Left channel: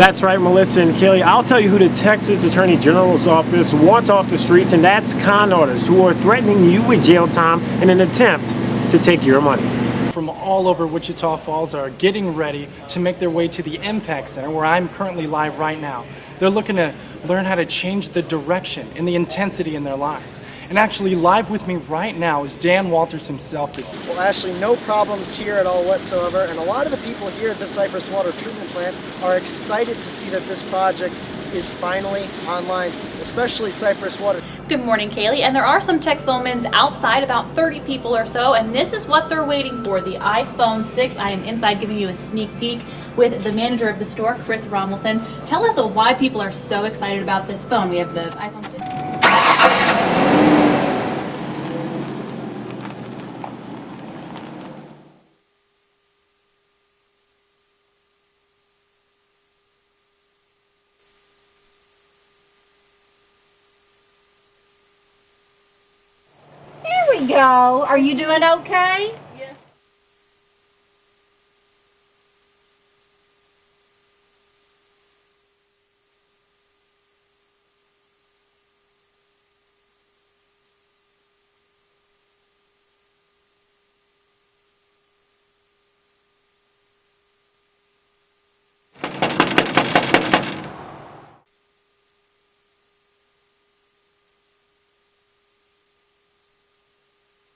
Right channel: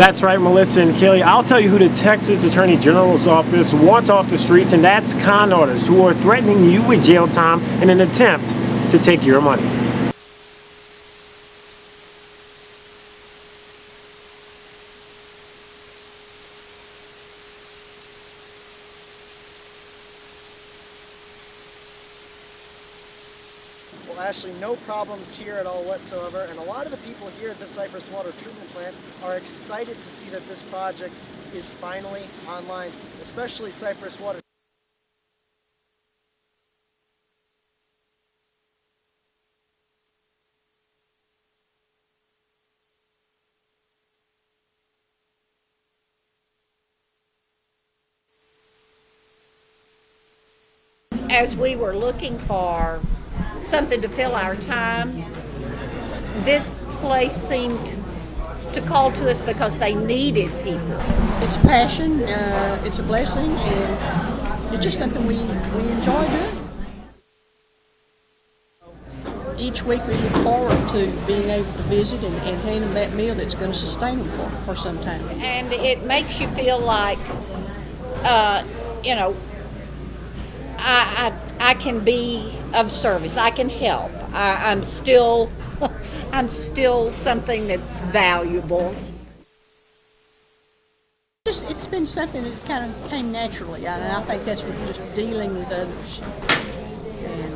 That's right, Melissa and Kelly. I'll tell you who the Texas Attorney General's office wants off the streets, and that's con artists who are threatening you with jail time in an attempt to take your money. From all over Wichita Falls are getting ready to make their way to the Impact Center, where I'm currently live right now. They're looking to learn how to change the direction and the intensity in their lives. And actually, live with me right now is Dan Walters himself. Well, Ashley, no problems here at all whatsoever, and a lot of the people here at the Cypress Water Treatment Plant are excited to see that this project is finally online, especially Cypress Water. Good morning, Kaylee. And there are some Texomans outside, about 30 people or so, and this is what they're waiting for, the iPhone 6. I am inside giving you a sneak peek with the manager of the store, Chris Rommelton. Tell us why people are so excited about this phone. We have the iPhone 6. As we were looking for something to fill our time, this place seemed to call to us because they needed people. It's a passion, it's a blessing, and it's just something we enjoy doing. Here we go. Are you doing okay? Each week we look forward to being able to visit and hand them that meal that's going to sustain them for some time. And it makes you feel like, you know, I can be of service. I can help. I'm still something that's valuable. It's been something that kind of came naturally, and I think that's with just dealing with others. And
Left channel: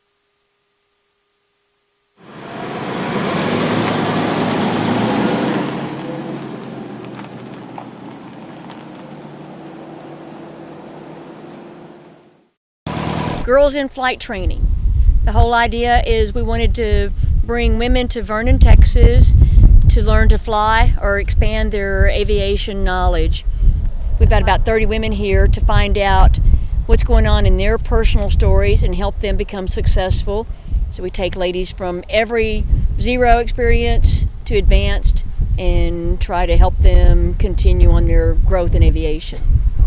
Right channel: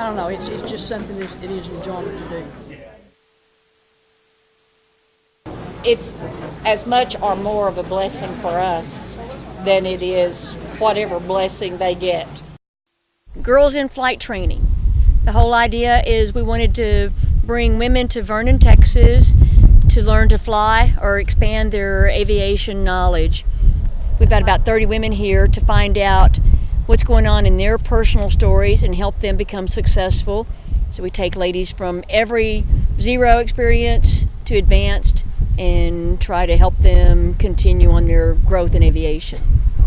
I don't know, it's just something that it is enjoyment to do. It's as much or more of a blessing for us than it is whatever blessing they get. Girls in Flight training. The whole idea is we wanted to bring women to Vernon, Texas to learn to fly or expand their aviation knowledge. We've got about 30 women here to find out what's going on in their personal stories and help them become successful. So we take ladies from every zero experience to advanced and try to help them continue on their growth in aviation.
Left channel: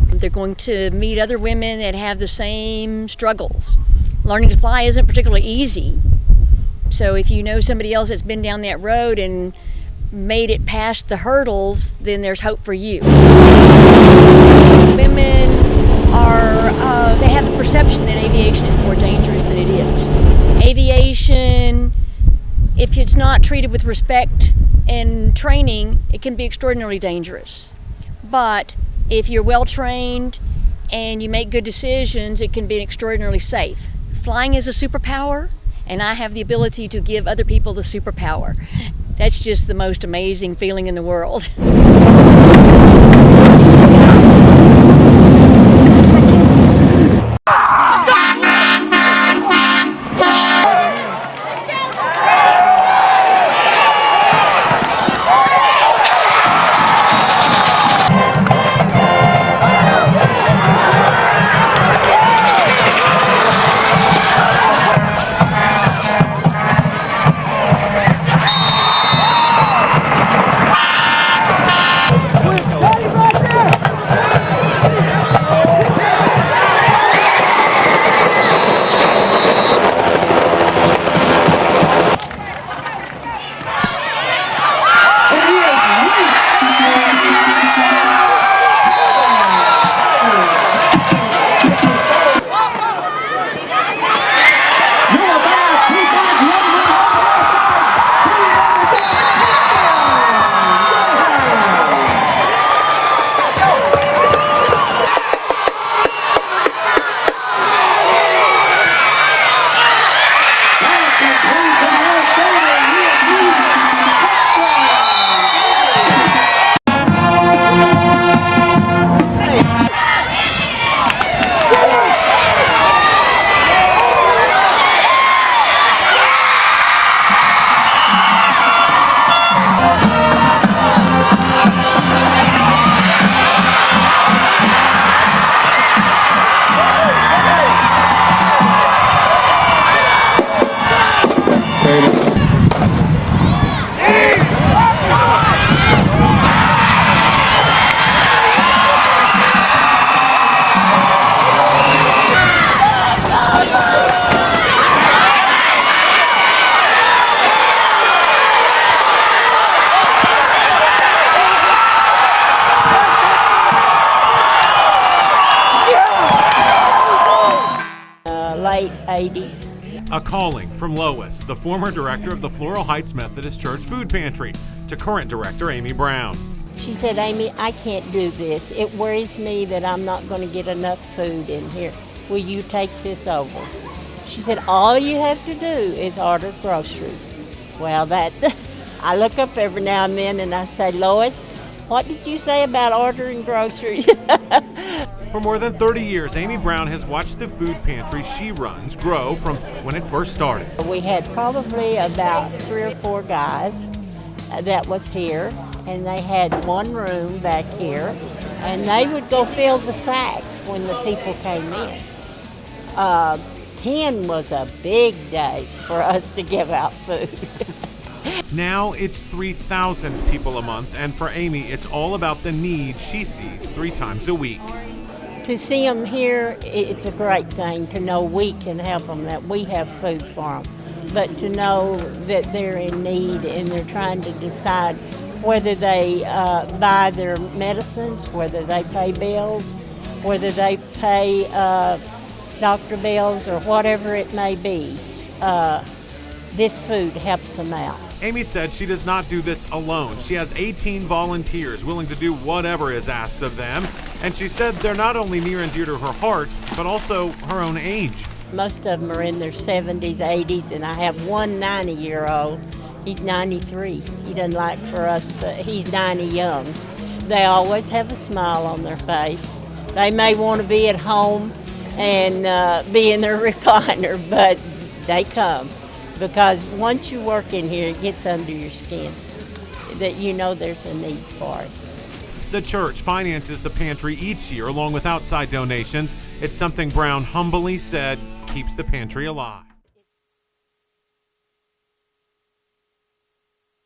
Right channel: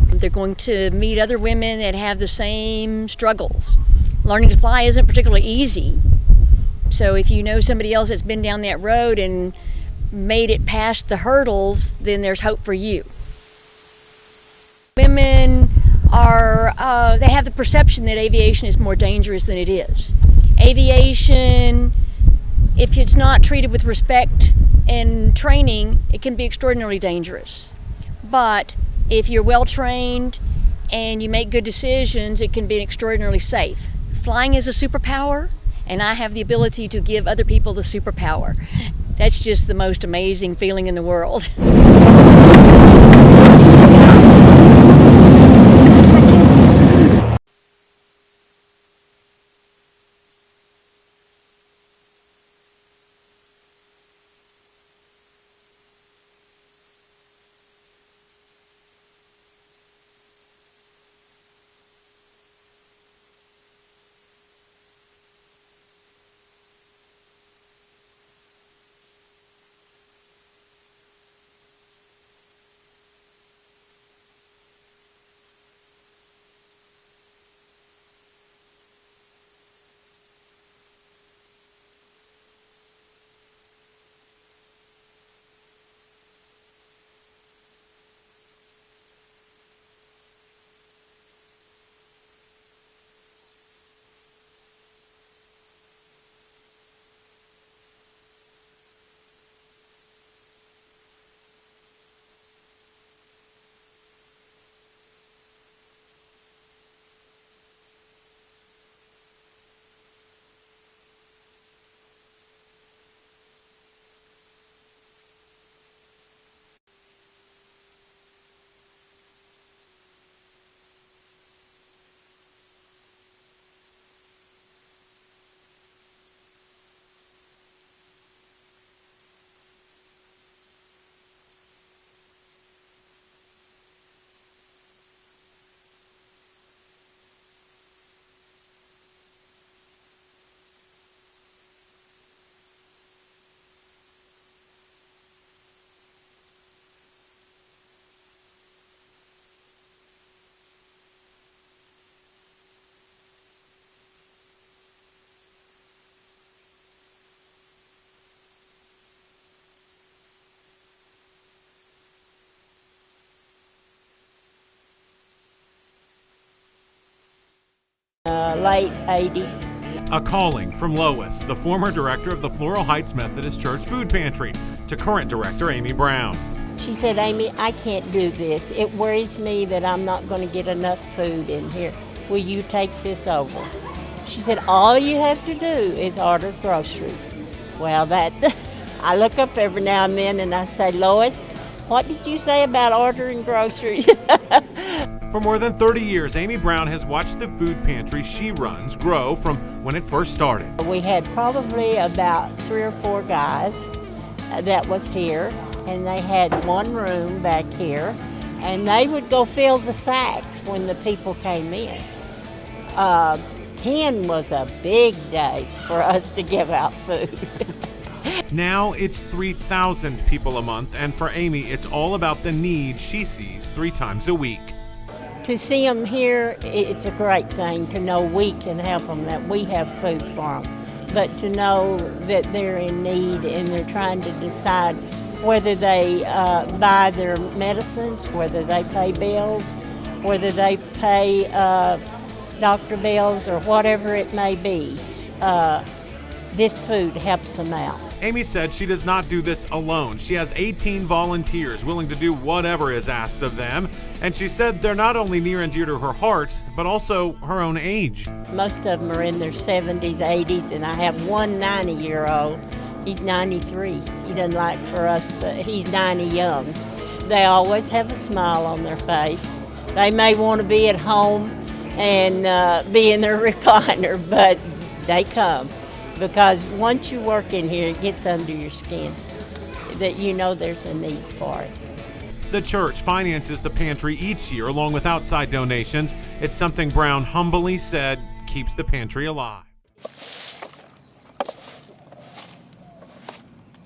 They're going to meet other women that have the same struggles. Learning to fly isn't particularly easy. So if you know somebody else that's been down that road and made it past the hurdles, then there's hope for you. Women they have the perception that aviation is more dangerous than it is. Aviation, if it's not treated with respect and training, it can be extraordinarily dangerous. But if you're well trained and you make good decisions, it can be extraordinarily safe. Flying is a superpower, and I have the ability to give other people the superpower. That's just the most amazing feeling in the world. 80s. A calling from Lois, the former director of the Floral Heights Methodist Church Food Pantry, to current director Amy Brown. She said, Amy, I can't do this. It worries me that I'm not going to get enough food in here. Will you take this over? She said, all you have to do is order groceries. Well, I look up every now and then and I say, Lois, what did you say about ordering groceries? For more than 30 years, Amy Brown has watched the food pantry she runs grow from when it first started. We had probably about 3 or 4 guys that was here, and they had one room back here, and they would go fill the sacks when the people came in. 10 was a big day for us to give out food. Now it's 3,000 people a month, and for Amy, it's all about the need she sees 3 times a week. To see them here, it's a great thing to know we can help them, that we have food for them. But to know that they're in need and they're trying to decide whether they buy their medicines, whether they pay bills, whether they pay doctor bills or whatever it may be, this food helps them out. Amy said she does not do this alone. She has 18 volunteers willing to do whatever is asked of them, and she said they're not only near and dear to her heart, but also her own age. Most of them are in their 70s, 80s, and I have one 90-year-old. He's 93. He doesn't like for us, he's 90 young. They always have a smile on their face. They may want to be at home and be in their recliner, but they come. Because once you work in here, it gets under your skin that you know there's a need for it. The church finances the pantry each year along with outside donations. It's something Brown humbly said keeps the pantry alive.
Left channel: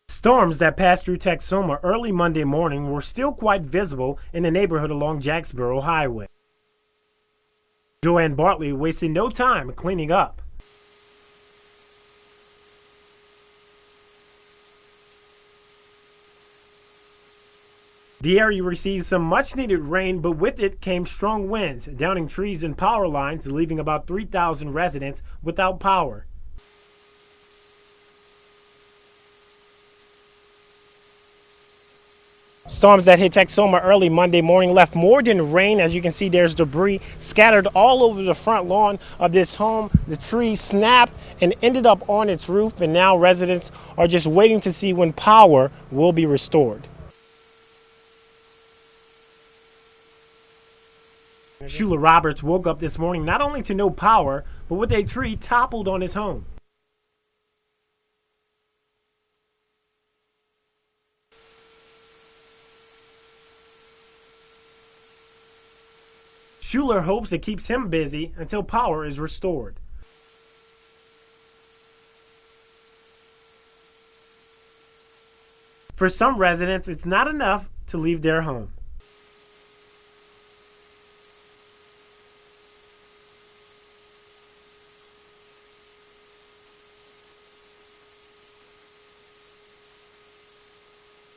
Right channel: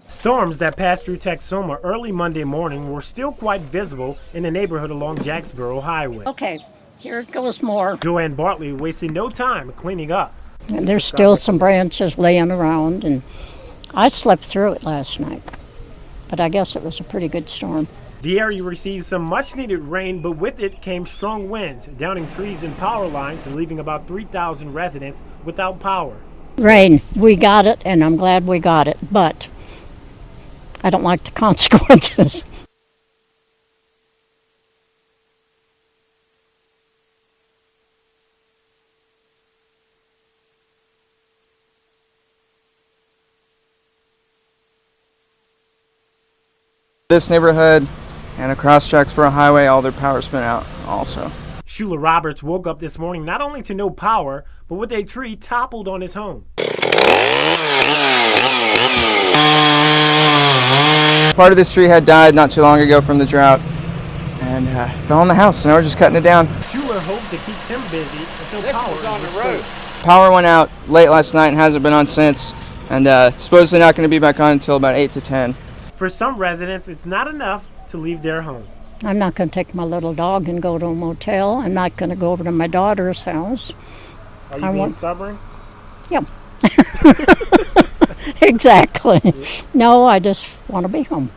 Storms that passed through Texoma early Monday morning were still quite visible in the neighborhood along Jacksboro Highway. Okay, here it goes more. Joanne Bartley wasted no time cleaning up. And there's still some branches laying around, and I slept through it last night. But I guess it was a pretty good storm. The area received some much-needed rain, but with it came strong winds, downing trees and power lines, leaving about 3,000 residents without power. Rain, we got it, and I'm glad we got it, but I don't like the consequences. Storms that hit Texoma early Monday morning left more than rain. As you can see, there's debris scattered all over the front lawn of this home. The tree snapped and ended up on its roof, and now residents are just waiting to see when power will be restored. This neighborhood and across Jacksboro Highway, all their power's been out also. Shula Roberts woke up this morning not only to no power, but with a tree toppled on his home. Part of this tree had died not too long ago from the drought and fell on the house, so now we're just cutting it down. Schuler hopes it keeps him busy until power is restored. Power went out late last night and hasn't been on since, and it's supposedly not going to be back on until about 8 to 10. For some residents, it's not enough to leave their home. I'm not going to take my little dog and go to a motel. I'm not going to go over to my daughter's house. Are you being stubborn? Yeah. Exactly. No, I just want to be home.